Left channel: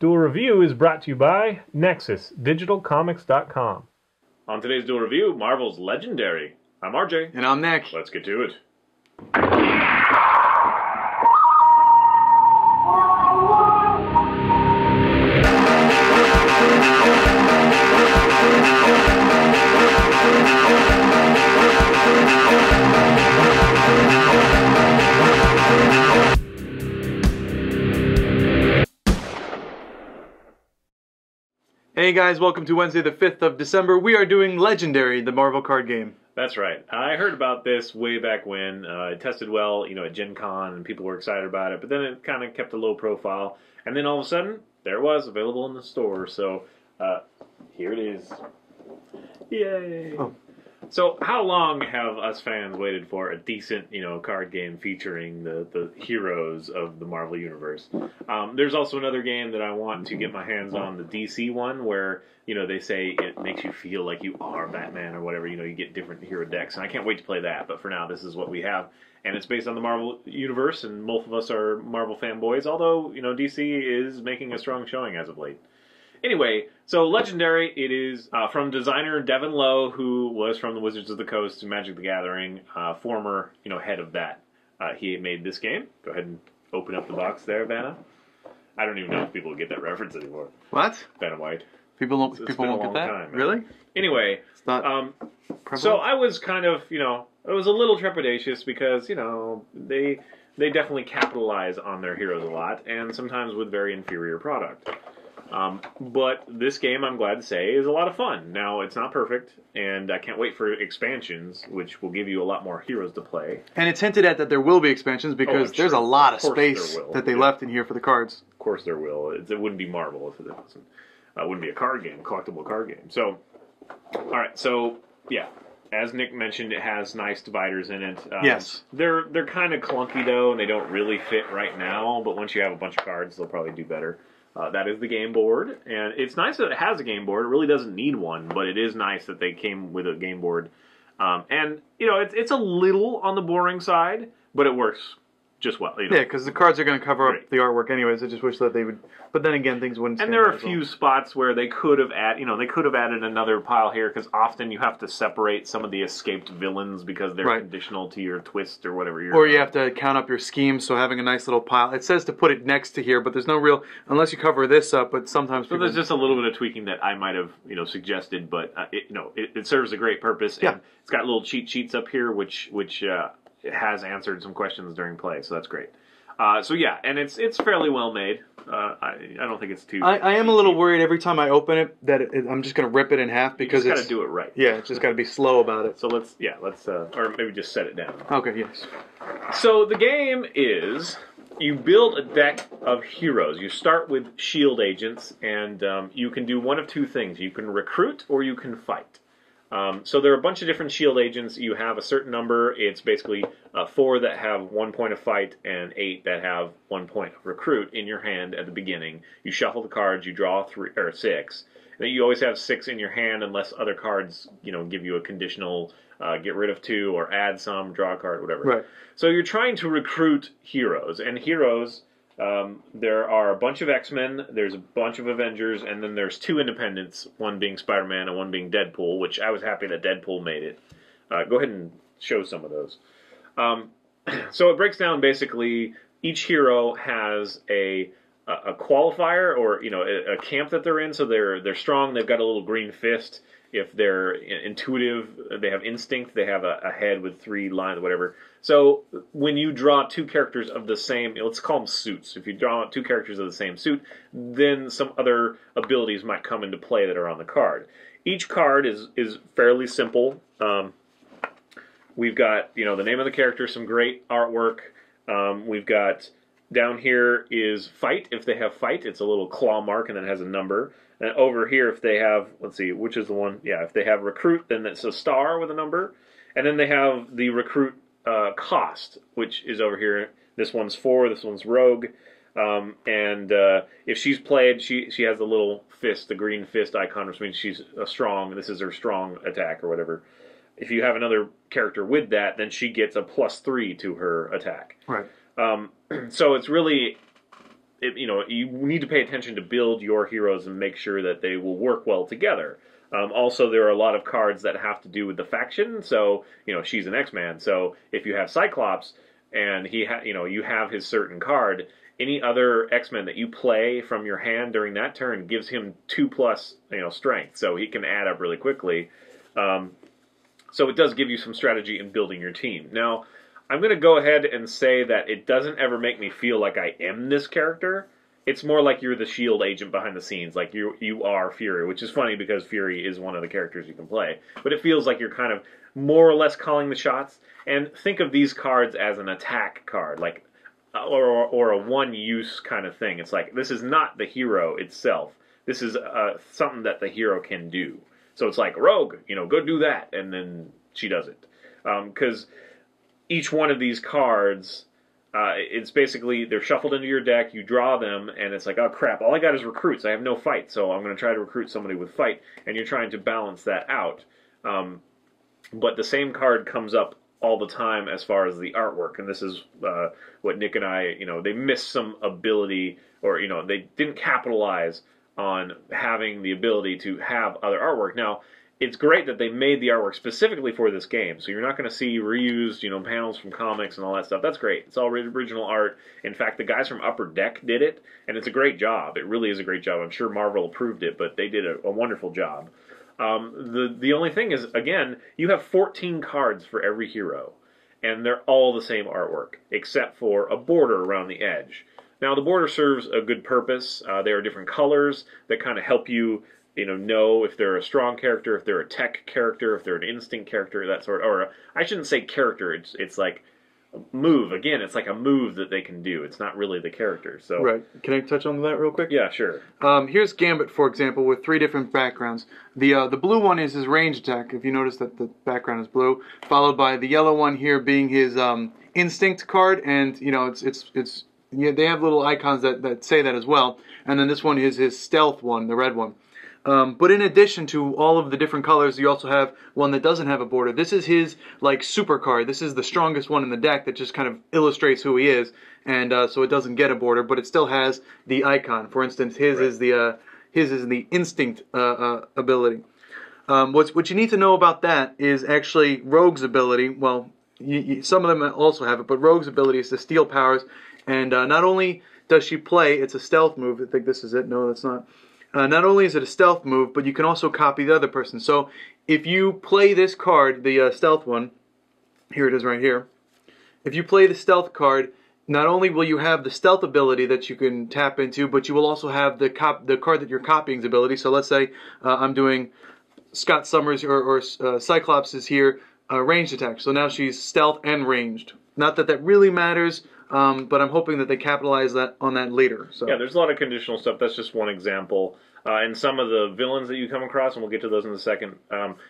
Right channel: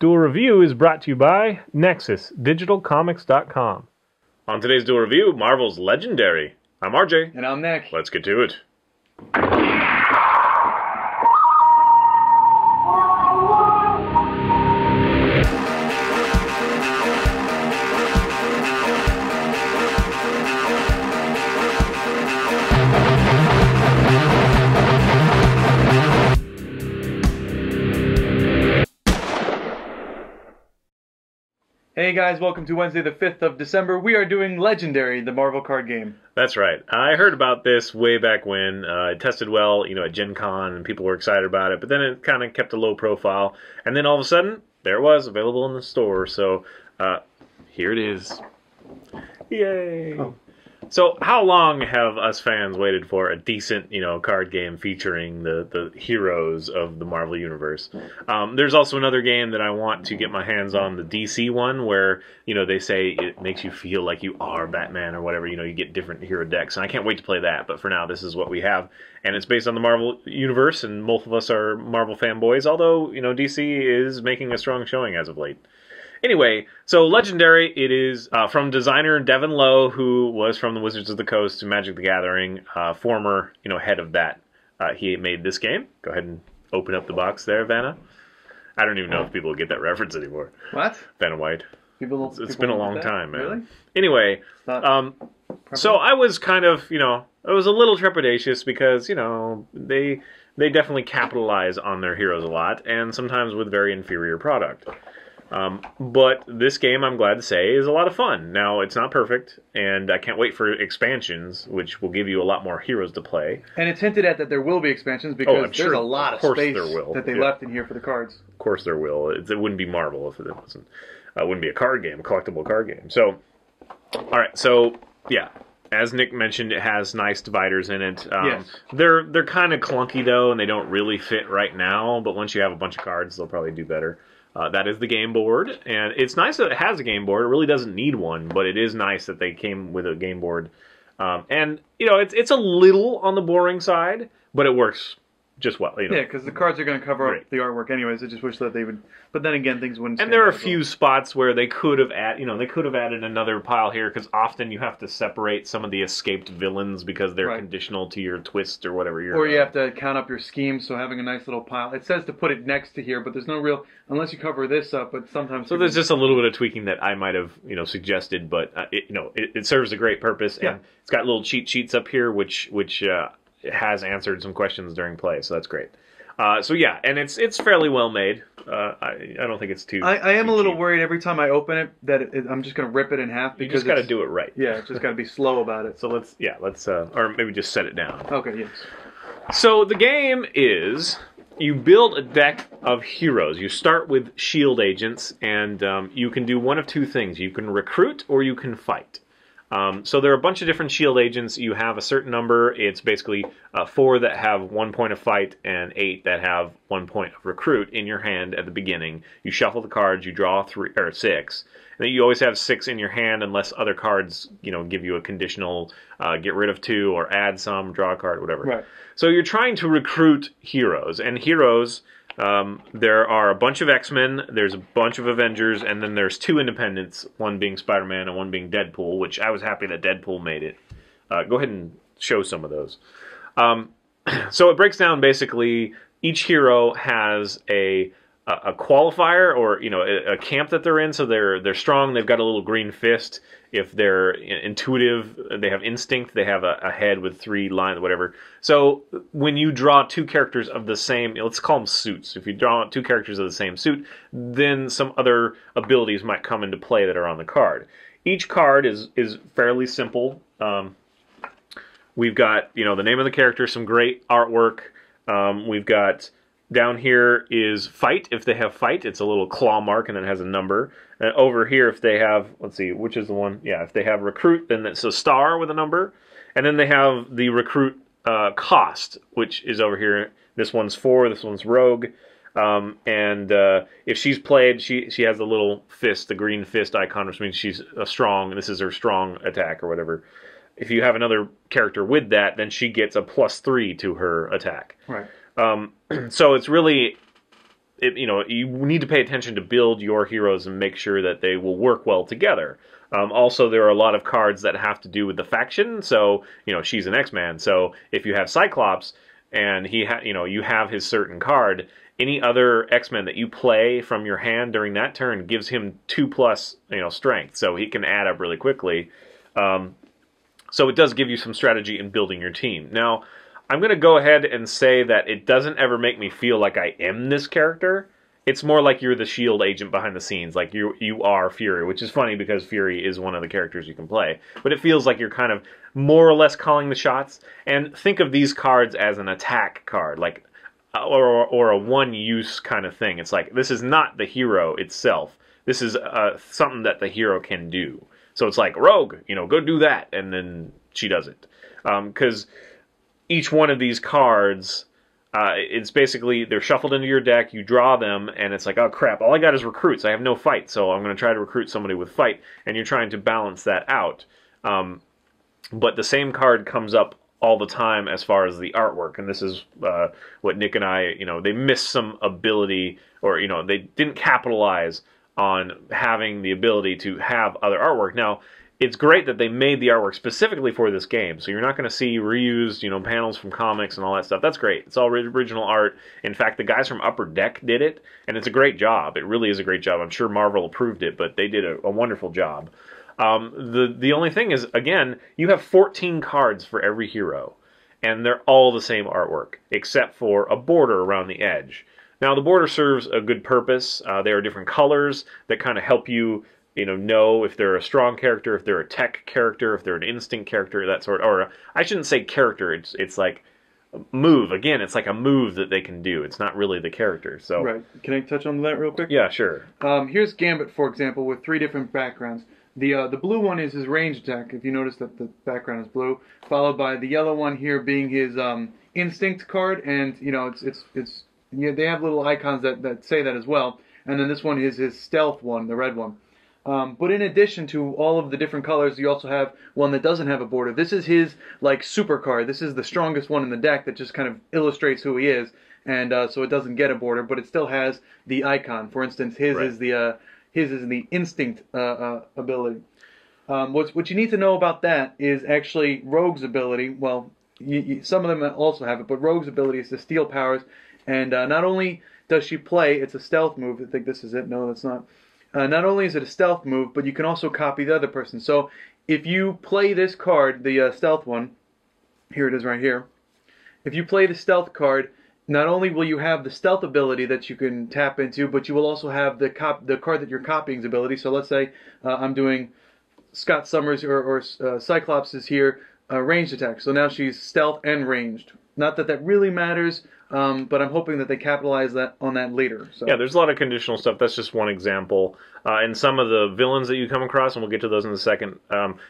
Duel Review is brought to you by NexusDigitalComics.com. On today's Duel Review, Marvel's Legendary. I'm RJ. And I'm Nick. Let's get to it. Hey guys, welcome to Wednesday the 5th of December. We are doing Legendary, the Marvel card game. That's right. I heard about this way back when. It tested well, at Gen Con, and people were excited about it, but then it kind of kept a low profile, and then all of a sudden, there it was, available in the store, so here it is. Yay! Oh. So, how long have us fans waited for a decent, card game featuring the heroes of the Marvel Universe? There's also another game that I want to get my hands on, the DC one, where, they say it makes you feel like you are Batman or whatever, you get different hero decks, and I can't wait to play that, but for now, this is what we have, and it's based on the Marvel Universe, and most of us are Marvel fanboys, although, DC is making a strong showing as of late. Anyway, so Legendary, it is from designer Devin Lowe, who was from the Wizards of the Coast and Magic the Gathering, former, head of that. He made this game. Go ahead and open up the box there, Vanna. I don't even know if people will get that reference anymore. What? Vanna White. It's been a long time, man. Really? Anyway, so I was kind of, I was a little trepidatious because, they definitely capitalize on their heroes a lot, and sometimes with very inferior product. But this game, I'm glad to say, is a lot of fun. Now, it's not perfect, and I can't wait for expansions, which will give you a lot more heroes to play. And it's hinted at that there will be expansions because there's a lot of space that they left in here for the cards. Of course there will. It wouldn't be Marvel if it wasn't. It wouldn't be a card game, a collectible card game. So, alright, so, yeah. As Nick mentioned, it has nice dividers in it. Yes. They're kind of clunky, though, and they don't really fit right now, but once you have a bunch of cards, they'll probably do better. That is the game board, and it's nice that it has a game board. It really doesn't need one, but it is nice that they came with a game board. And, it's a little on the boring side, but it works just well. Yeah, because the cards are going to cover up the artwork anyways. I just wish that they would... But then again, things wouldn't... And there are a few spots where they could have added another pile here, because often you have to separate some of the escaped villains because they're conditional to your twist or whatever you're... Or you have to count up your schemes, so having a nice little pile... It says to put it next to here, but there's no real... Unless you cover this up, but sometimes... So there's just a little bit of tweaking that I might have, suggested, but, it serves a great purpose, and it's got little cheat sheets up here, which has answered some questions during play, so that's great. So yeah, and it's fairly well made. I don't think it's too... I am a little worried every time I open it that I'm just going to rip it in half because you just got to do it right. Yeah, it's just got to be slow about it. So let's or maybe just set it down. Okay, yes. So the game is, you build a deck of heroes. You start with shield agents, and you can do one of two things. You can recruit or you can fight. So there are a bunch of different shield agents. You have a certain number. It's basically 4 that have 1 point of fight and 8 that have 1 point of recruit in your hand at the beginning. You shuffle the cards. You draw 3 or 6. And then you always have 6 in your hand unless other cards, give you a conditional get rid of 2 or add some, draw a card, whatever. Right. So you're trying to recruit heroes, and heroes. There are a bunch of X-Men, there's a bunch of Avengers, and then there's 2 independents, one being Spider-Man and one being Deadpool, which I was happy that Deadpool made it. Go ahead and show some of those. So it breaks down basically, each hero has a qualifier or, a camp that they're in, so they're strong, they've got a little green fist. If they're intuitive, they have instinct, they have a head with 3 lines, whatever. So when you draw 2 characters of the same, let's call them suits. If you draw 2 characters of the same suit, then some other abilities might come into play that are on the card. Each card is fairly simple. We've got, the name of the character, some great artwork. We've got... Down here is fight. If they have fight, it's a little claw mark and it has a number. And over here, if they have, let's see, which is the one? Yeah, if they have recruit, then it's a star with a number. And then they have the recruit cost, which is over here. This one's 4, this one's rogue. If she's played, she has a little fist, the green fist icon, which means she's a strong. This is her strong attack or whatever. If you have another character with that, then she gets a +3 to her attack. Right. So it's really you need to pay attention to build your heroes and make sure that they will work well together. Also, there are a lot of cards that have to do with the faction. So, she's an X-Man. So, if you have Cyclops and you have his certain card, any other X-Men that you play from your hand during that turn gives him 2+ strength. So he can add up really quickly. So it does give you some strategy in building your team. Now, I'm going to go ahead and say that it doesn't ever make me feel like I am this character. It's more like you're the S.H.I.E.L.D. agent behind the scenes, like you are Fury, which is funny because Fury is one of the characters you can play. But it feels like you're kind of more or less calling the shots. And think of these cards as an attack card, like or a one-use kind of thing. It's like, this is not the hero itself. This is something that the hero can do. So it's like, Rogue, go do that, and then she does it. Because each one of these cards... it's basically, they're shuffled into your deck, you draw them, and it's like, oh crap, all I got is recruits, I have no fight, so I'm going to try to recruit somebody with fight, and you're trying to balance that out. But the same card comes up all the time as far as the artwork, and this is what Nick and I, they missed some ability, or, they didn't capitalize on having the ability to have other artwork. Now, it's great that they made the artwork specifically for this game, so you're not going to see reused, panels from comics and all that stuff. That's great. It's all original art. In fact, the guys from Upper Deck did it, and it's a great job. It really is a great job. I'm sure Marvel approved it, but they did a wonderful job. The only thing is, again, you have 14 cards for every hero, and they're all the same artwork, except for a border around the edge. Now, the border serves a good purpose. There are different colors that kind of help you know if they're a strong character, if they're a tech character, if they're an instinct character, that sort. Or I shouldn't say character. It's like move. Again, it's like a move that they can do. It's not really the character. So right. Can I touch on that real quick? Yeah, sure. Here's Gambit, for example, with 3 different backgrounds. The blue one is his range attack. If you notice that the background is blue, followed by the yellow one here being his instinct card, and they have little icons that say that as well. And then this one is his stealth one, the red one. But in addition to all of the different colors, you also have one that doesn't have a border. This is his, super card. This is the strongest one in the deck that just kind of illustrates who he is, and so it doesn't get a border, but it still has the icon. For instance, his is the instinct ability. What you need to know about that is actually Rogue's ability. Well, some of them also have it, but Rogue's ability is to steal powers, and not only does she play, it's a stealth move. I think this is it. No, that's not. Not only is it a stealth move, but you can also copy the other person. So if you play this card, the stealth one, here it is right here. If you play the stealth card, not only will you have the stealth ability that you can tap into, but you will also have the card that you're copying's ability. So let's say I'm doing Scott Summers or Cyclops is here, ranged attack. So now she's stealth and ranged. Not that that really matters. But I'm hoping that they capitalize on that later. So. Yeah, there's a lot of conditional stuff. That's just one example. And some of the villains that you come across, and we'll get to those in a second,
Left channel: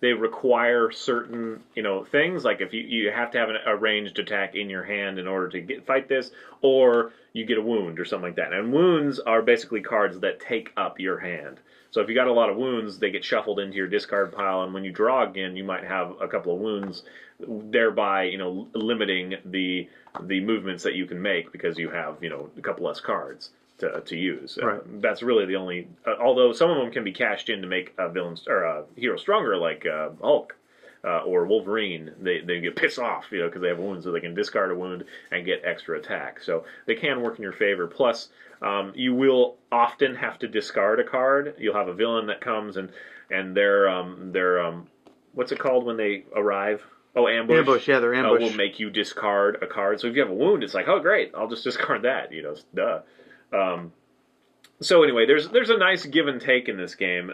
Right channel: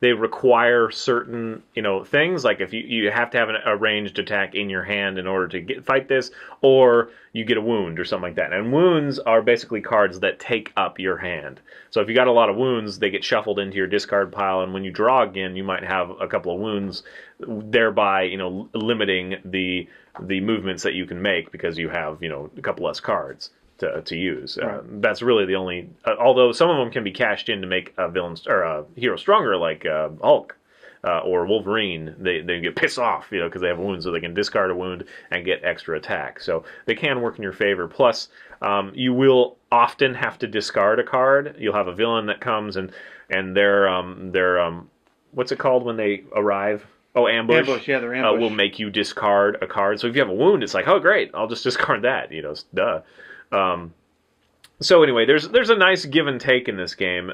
they require certain, things. Like if you have to have a ranged attack in your hand in order to fight this, or you get a wound or something like that. And wounds are basically cards that take up your hand. So if you got a lot of wounds, they get shuffled into your discard pile, and when you draw again, you might have a couple of wounds, thereby, limiting the movements that you can make because you have, a couple less cards to use. Right. That's really the only. Although some of them can be cashed in to make a villain or a hero stronger, like Hulk or Wolverine. They get pissed off, because they have a wound, so they can discard a wound and get extra attack. So they can work in your favor. Plus, you will often have to discard a card. You'll have a villain that comes and they're what's it called when they arrive? Oh, ambush. Ambush, yeah, they're ambush. Will make you discard a card. So if you have a wound, it's like, oh, great, I'll just discard that. Duh. So anyway, there's a nice give and take in this game.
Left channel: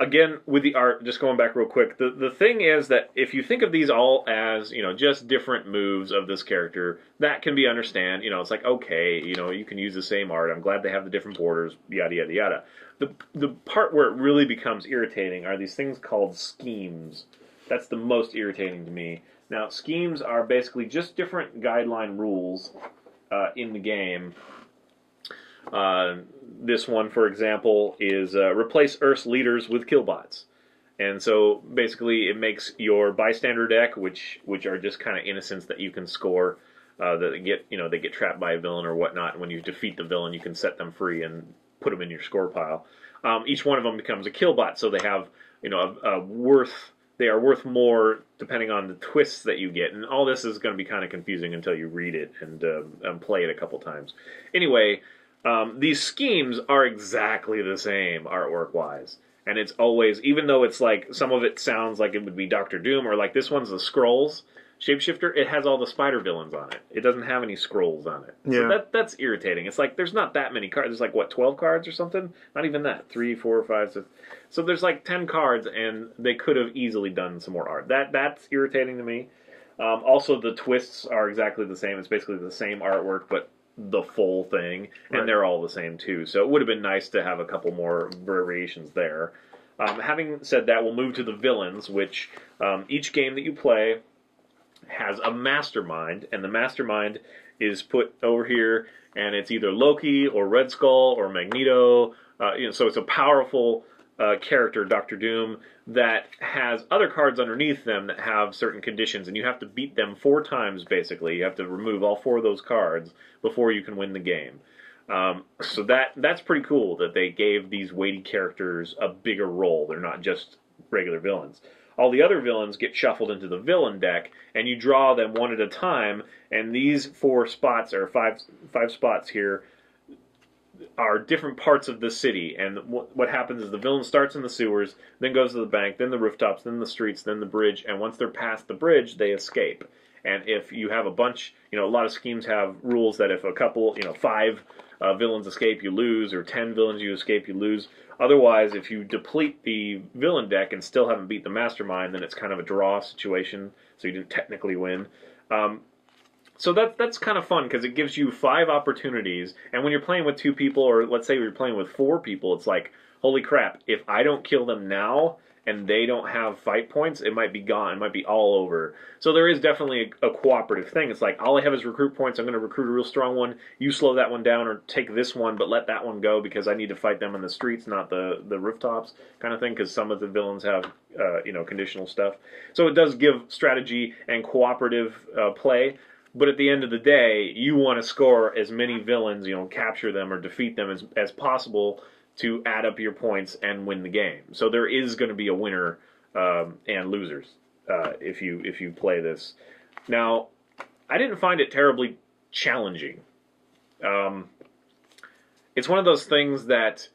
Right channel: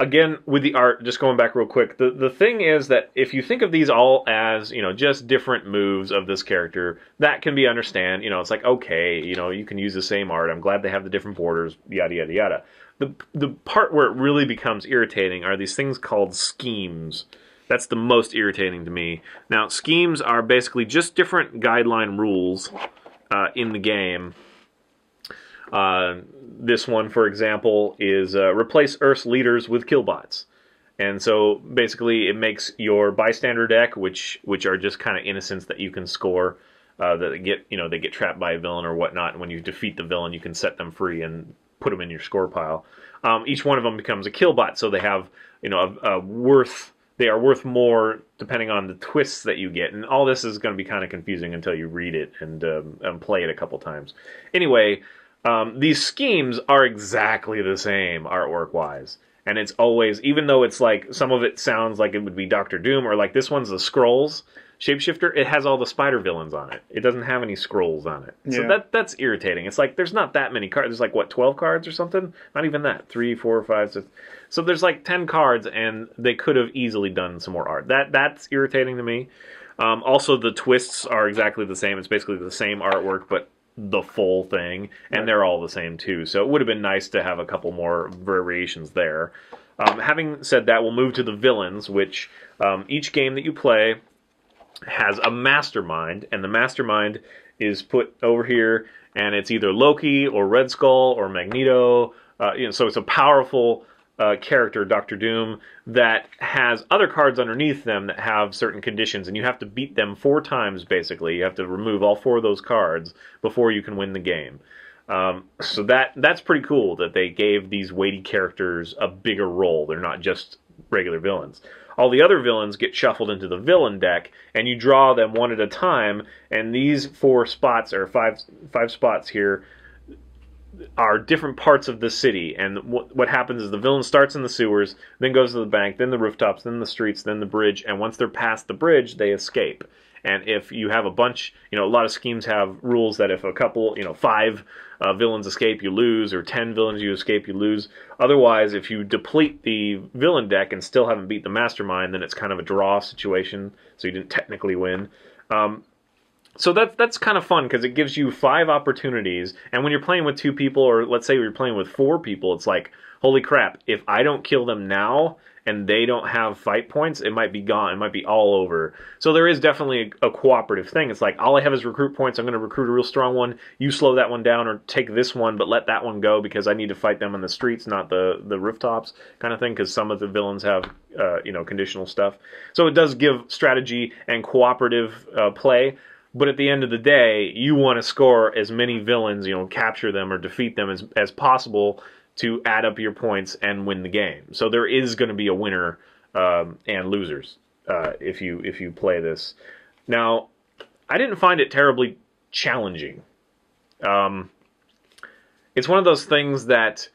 Again, with the art, just going back real quick, the thing is that if you think of these all as, just different moves of this character, that can be understand. It's like, okay, you can use the same art. I'm glad they have the different borders, yada, yada, yada. The part where it really becomes irritating are these things called schemes. That's the most irritating to me. Now, schemes are basically just different guideline rules in the game. This one, for example, is replace Earth's leaders with killbots. And so, basically, it makes your bystander deck, which are just kind of innocents that you can score, that they get trapped by a villain or whatnot. And when you defeat the villain, you can set them free and put them in your score pile. Each one of them becomes a kill bot, so they have they are worth more depending on the twists that you get. And all this is going to be kind of confusing until you read it and play it a couple times. Anyway, these schemes are exactly the same artwork-wise. And it's always, even though it's like, some of it sounds like it would be Doctor Doom, or like this one's the Skrulls shapeshifter, it has all the spider villains on it. It doesn't have any Skrulls on it. Yeah. So that's irritating. It's like, there's not that many cards. There's like, what, 12 cards or something? Not even that. 3, 4, 5, 6. So there's like 10 cards, and they could have easily done some more art. That's irritating to me. Also, the twists are exactly the same. It's basically the same artwork, but the full thing, and they're all the same too. So it would have been nice to have a couple more variations there. Having said that, we'll move to the villains, which each game that you play has a mastermind, and the mastermind is put over here, and it's either Loki or Red Skull or Magneto. So it's a powerful character, Doctor Doom, that has other cards underneath them that have certain conditions, and you have to beat them 4 times, basically. You have to remove all 4 of those cards before you can win the game. So that's pretty cool that they gave these weighty characters a bigger role. They're not just regular villains. All the other villains get shuffled into the villain deck, and you draw them one at a time, and these 4 spots, or five spots here, are different parts of the city. And what happens is the villain starts in the sewers, then goes to the bank, then the rooftops, then the streets, then the bridge, and once they're past the bridge, they escape. And if you have a bunch, a lot of schemes have rules that if a couple, 5 villains escape, you lose, or 10 villains you escape, you lose. Otherwise, if you deplete the villain deck and still haven't beat the mastermind, then it's kind of a draw situation, so you didn't technically win. So that's kind of fun, because it gives you 5 opportunities, and when you're playing with 2 people, or let's say you're playing with 4 people, it's like, holy crap, if I don't kill them now, and they don't have fight points, it might be gone, it might be all over. So there is definitely a cooperative thing. It's like, all I have is recruit points, I'm going to recruit a real strong one, you slow that one down, or take this one, but let that one go, because I need to fight them in the streets, not the rooftops, kind of thing, because some of the villains have, conditional stuff. So it does give strategy and cooperative play. But at the end of the day, you want to score as many villains, capture them or defeat them as possible to add up your points and win the game. So there is going to be a winner and losers if you play this. Now, I didn't find it terribly challenging. It's one of those things that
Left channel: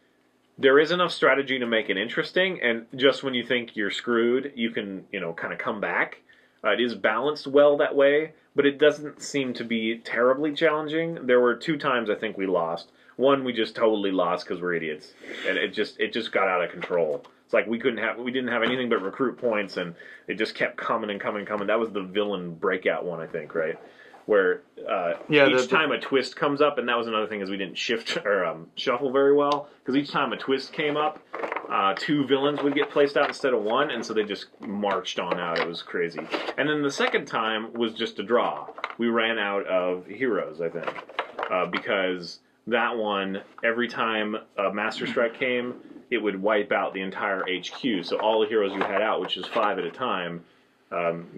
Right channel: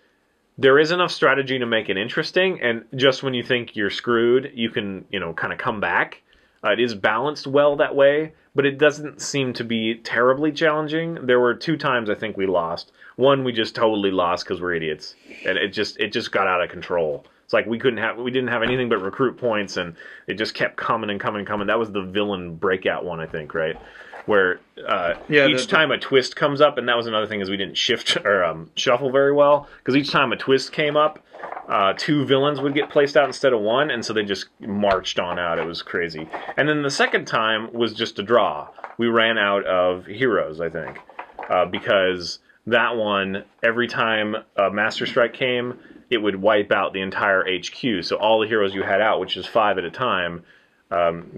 there is enough strategy to make it interesting, and just when you think you're screwed, you can, kind of come back. It is balanced well that way, but it doesn't seem to be terribly challenging. There were 2 times I think we lost. One we just totally lost because we're idiots, and it just got out of control. It's like we didn't have anything but recruit points, and it just kept coming and coming and coming. That was the villain breakout one, I think, right? Where each time a twist comes up, and that was another thing, is we didn't shift or shuffle very well, because each time a twist came up, 2 villains would get placed out instead of 1, and so they just marched on out. It was crazy. And then the second time was just a draw. We ran out of heroes, I think, because that one, every time a Master Strike came, it would wipe out the entire HQ. So all the heroes you had out, which is 5 at a time,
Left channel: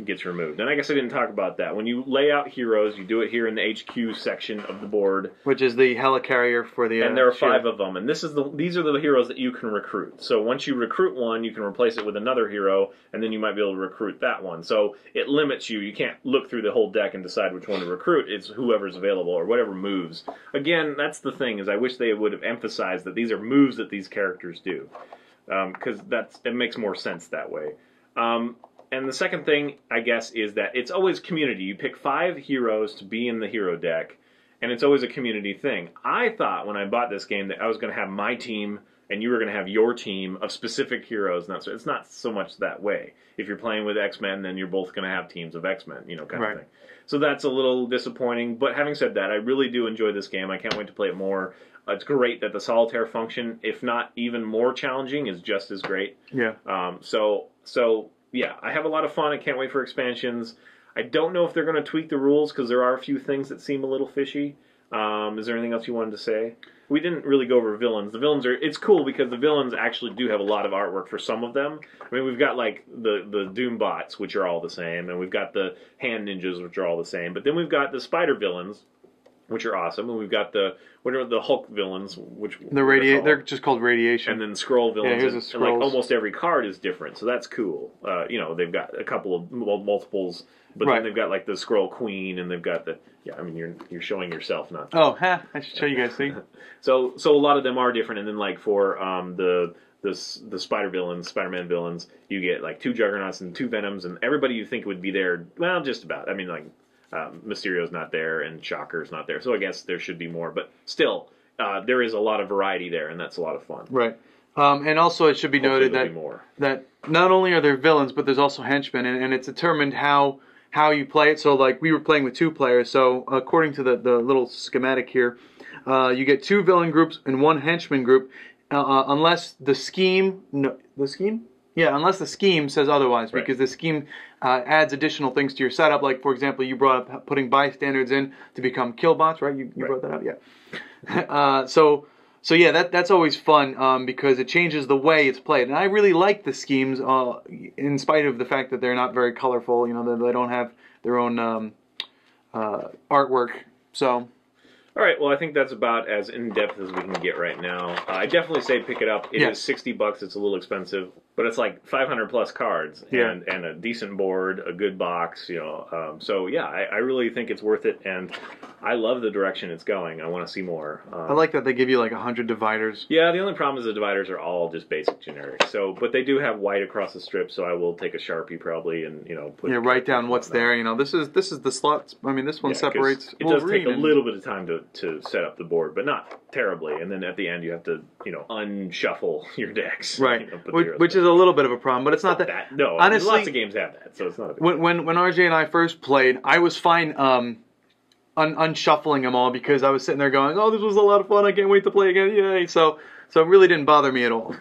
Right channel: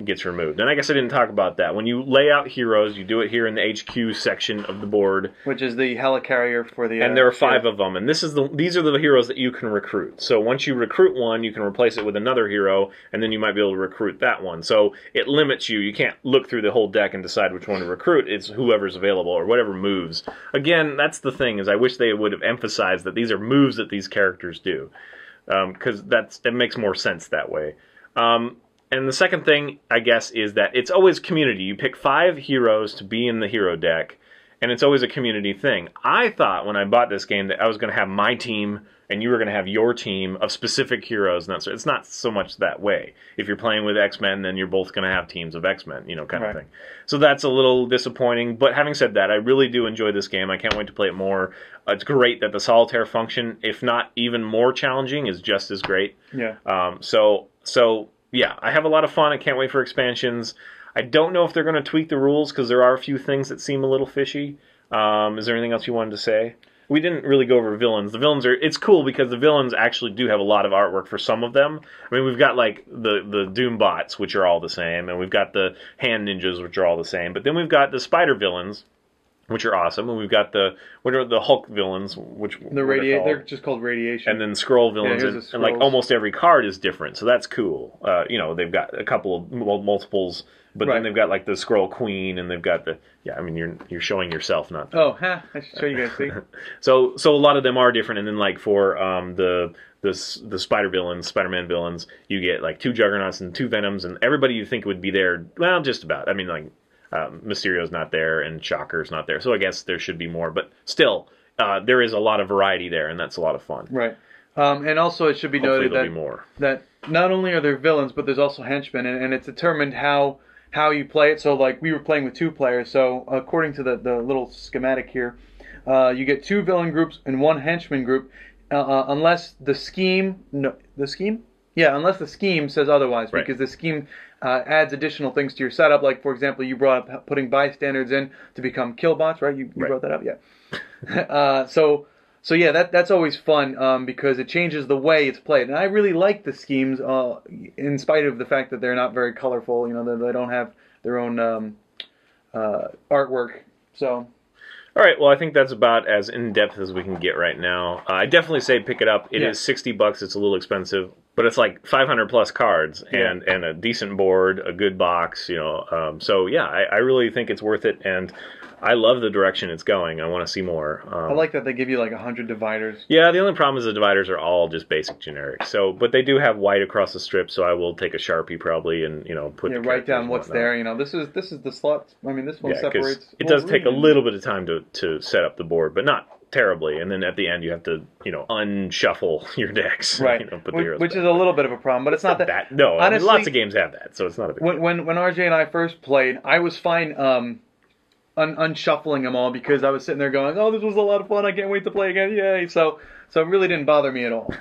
gets removed. And I guess I didn't talk about that. When you lay out heroes, you do it here in the HQ section of the board, which is the helicarrier for the. And there are 5 of them, and these are the heroes that you can recruit. So once you recruit one, you can replace it with another hero, and then you might be able to recruit that one. So it limits you. You can't look through the whole deck and decide which one to recruit. It's whoever's available or whatever moves. Again, that's the thing, is I wish they would have emphasized that these are moves that these characters do, because it makes more sense that way. And the second thing, I guess, is that it's always community. You pick 5 heroes to be in the hero deck, and it's always a community thing. I thought when I bought this game that I was going to have my team and you were going to have your team of specific heroes. And it's not so much that way. If you're playing with X-Men, then you're both going to have teams of X-Men, kind of thing. So that's a little disappointing. But having said that, I really do enjoy this game. I can't wait to play it more. It's great that the solitaire function, if not even more challenging, is just as great. Yeah. Yeah, I have a lot of fun. I can't wait for expansions. I don't know if they're going to tweak the rules, because there are a few things that seem a little fishy. Is there anything else you wanted to say? we didn't really go over villains. The villains it's cool because the villains actually do have a lot of artwork for some of them. I mean, we've got like the Doom bots, which are all the same, and we've got the hand ninjas, which are all the same. But then we've got the spider villains, which are awesome, and we've got the Hulk villains, which they're just called radiation. And then Skrull villains, and like almost every card is different, so that's cool. You know, they've got a couple of multiples, but then they've got like the Skrull Queen, and they've got the I mean, you're showing yourself, not. Oh, I should show you guys. See. So a lot of them are different, and then like for the Spider-Man villains, you get like 2 Juggernauts and 2 Venoms, and everybody you think would be there, well, just about. I mean, like. Mysterio's not there, and Shocker's not there, so I guess there should be more. But still, there is a lot of variety there, and that's a lot of fun. Right. And also, it should be noted that not only are there villains, but there's also henchmen, and it's determined how you play it. So, like, we were playing with 2 players, so according to the little schematic here, you get 2 villain groups and 1 henchman group, unless the scheme... No, the scheme? Yeah, unless the scheme says otherwise, because the scheme adds additional things to your setup. Like, for example, you brought up putting bystanders in to become killbots, right? You brought that up, yeah. So yeah, that's always fun because it changes the way it's played. And I really like the schemes, in spite of the fact that they're not very colorful. You know, they don't have their own artwork. So. All right, well, I think that's about as in-depth as we can get right now. I definitely say pick it up. It is $60. It's a little expensive, but it's like 500 plus cards and a decent board, a good box, you know. So yeah, I really think it's worth it, and I love the direction it's going. I want to see more. I like that they give you like 100 dividers. Yeah, the only problem is the dividers are all just basic generic. So, but they do have white across the strip, so I will take a Sharpie probably and put write down what's there. You know, this is the slots. I mean, this one separates. It does take a little bit of time to set up the board, but not terribly. And then at the end, you have to unshuffle your decks, right? Which is a little bit of a problem, but it's not that. No, honestly, I mean, lots of games have that, so it's not a big deal. When RJ and I first played, I was fine. Unshuffling them all because I was sitting there going, "Oh, this was a lot of fun! I can't wait to play again! Yay!" So it really didn't bother me at all.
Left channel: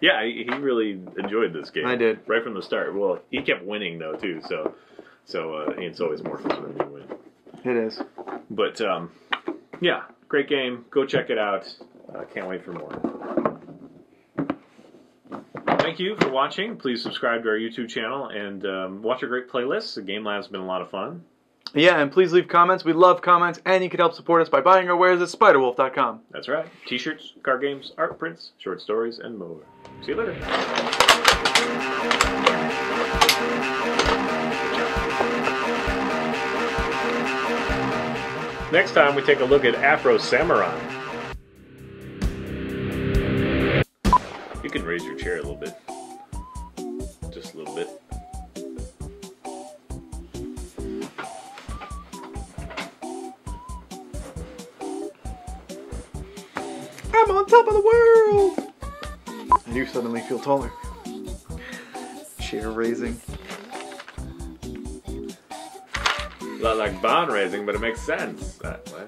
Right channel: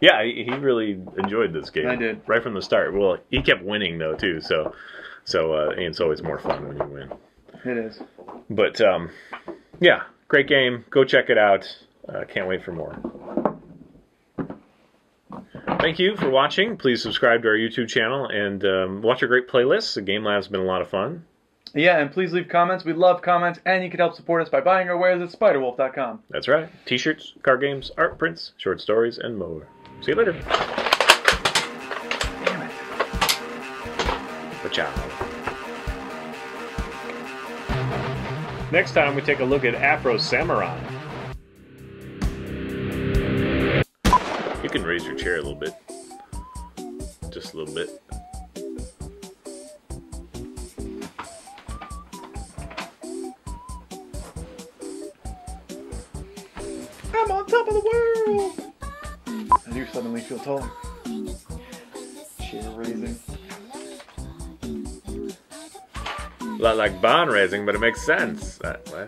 Yeah, he really enjoyed this game. I did right from the start. Well, he kept winning though too, so it's always more fun when you win. It is. But yeah, great game. Go check it out. Can't wait for more. Thank you for watching. Please subscribe to our YouTube channel and watch our great playlists. The Game Lab's been a lot of fun. Yeah, and please leave comments. We love comments, and you can help support us by buying our wares at spiderwolf.com. That's right. T-shirts, card games, art prints, short stories, and more. See you later. Next time we take a look at Afro Samurai. You can raise your chair a little bit. Just a little bit. I'm on top of the world! And you suddenly feel taller. Chair raising. A lot like barn raising, but it makes sense that way.